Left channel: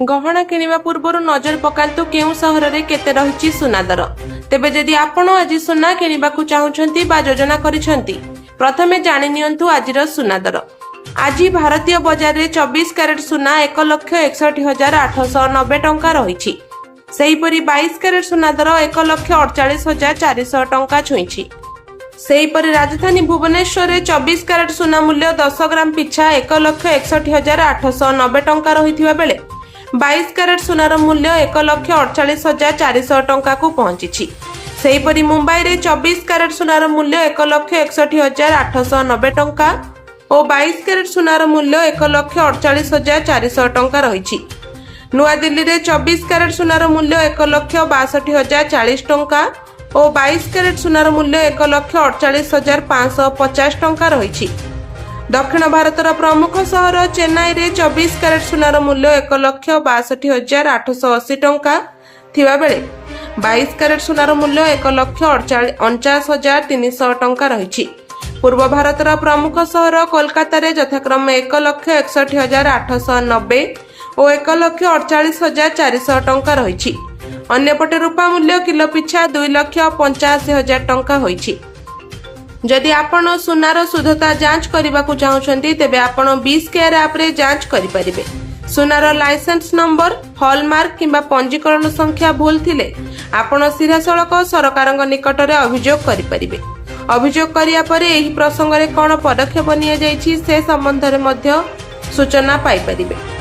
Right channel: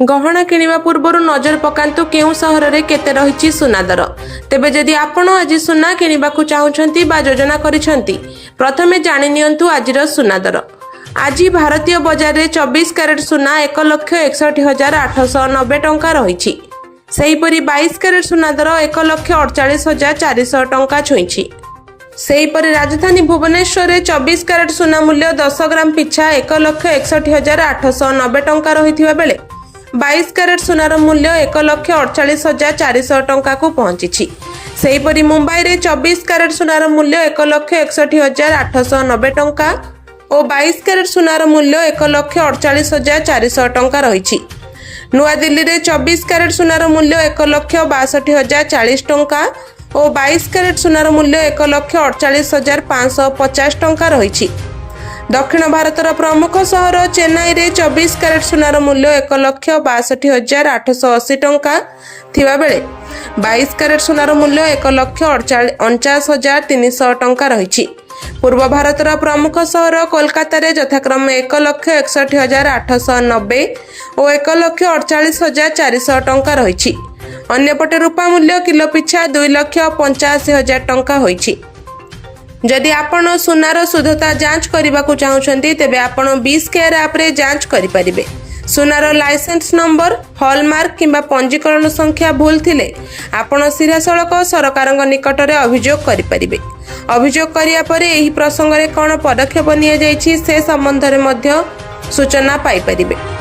गहना किनिबा पूर्वरु नजर पकांतु केउ सहर रे केते रहिछि सुना दर। तेबे जदि आपण आज सुना किनिबाकु चाहुछंती बा योजना करिसंती प्रथमे जानि नियंतु आजिर सुना दर। आज भारतीय बाजार रे 24 कैरेट सुना 1,61,890 टंका रहिछि। सेहीपरि 22 कैरेट सुना दर 1,48,400 टंका छुइछि। सेहीपरि राजधानी भुवनेश्वर रे 24 कैरेट सुना मूल्य 10 ग्राम पिछा 1,61,890 टंका रहिथिबा बेले 22 कैरेट सुनार मूल्य 1,48,400 टंका को पहुंची। सेहीपरि मुंबई रे 24 कैरेट सुनार मूल्य 1,61,890 टंका और 22 कैरेट सुनार मूल्य 1,48,400 टंका रही। नुआ दिल्ली रे 24 कैरेट सुनार मूल्य 1,62,040 टंका और 22 कैरेट सुनार मूल्य 1,48,550 टंका रही। दक्षिण भारतर प्रमुख सहर चेन्नई रे 24 कैरेट सुनार मूल्य 1,62,880 टंका थिबा बेले 22 कैरेट सुनार मूल्य 1,49,300 टंका रही। पूर्व भारतर प्रमुख सहर कोलकाता रे यथाक्रमे 1,61,890 और 1,48,400 टंका रही। अन्यपटे रूपा मूल्य किलो पिछा 2,85,000 टंका होइछि। जदि आपण सुनार शुद्धता जांच करने चाहते तेबे आपण 20 केयर ऐप रे जांच करिपारिबे। सुनार लाइसेंस नंबर हॉलमार्क किंबा पंजीकरण संख्या भूल थिले आपण सिधासलख सरकार निकट रे अभियोग करिपारिबे। अभियोग करिया परे एही प्रसंग रे कोन पदक्षेप निया जायछि से संबंध रे मध्य सूचना पाई परिबे।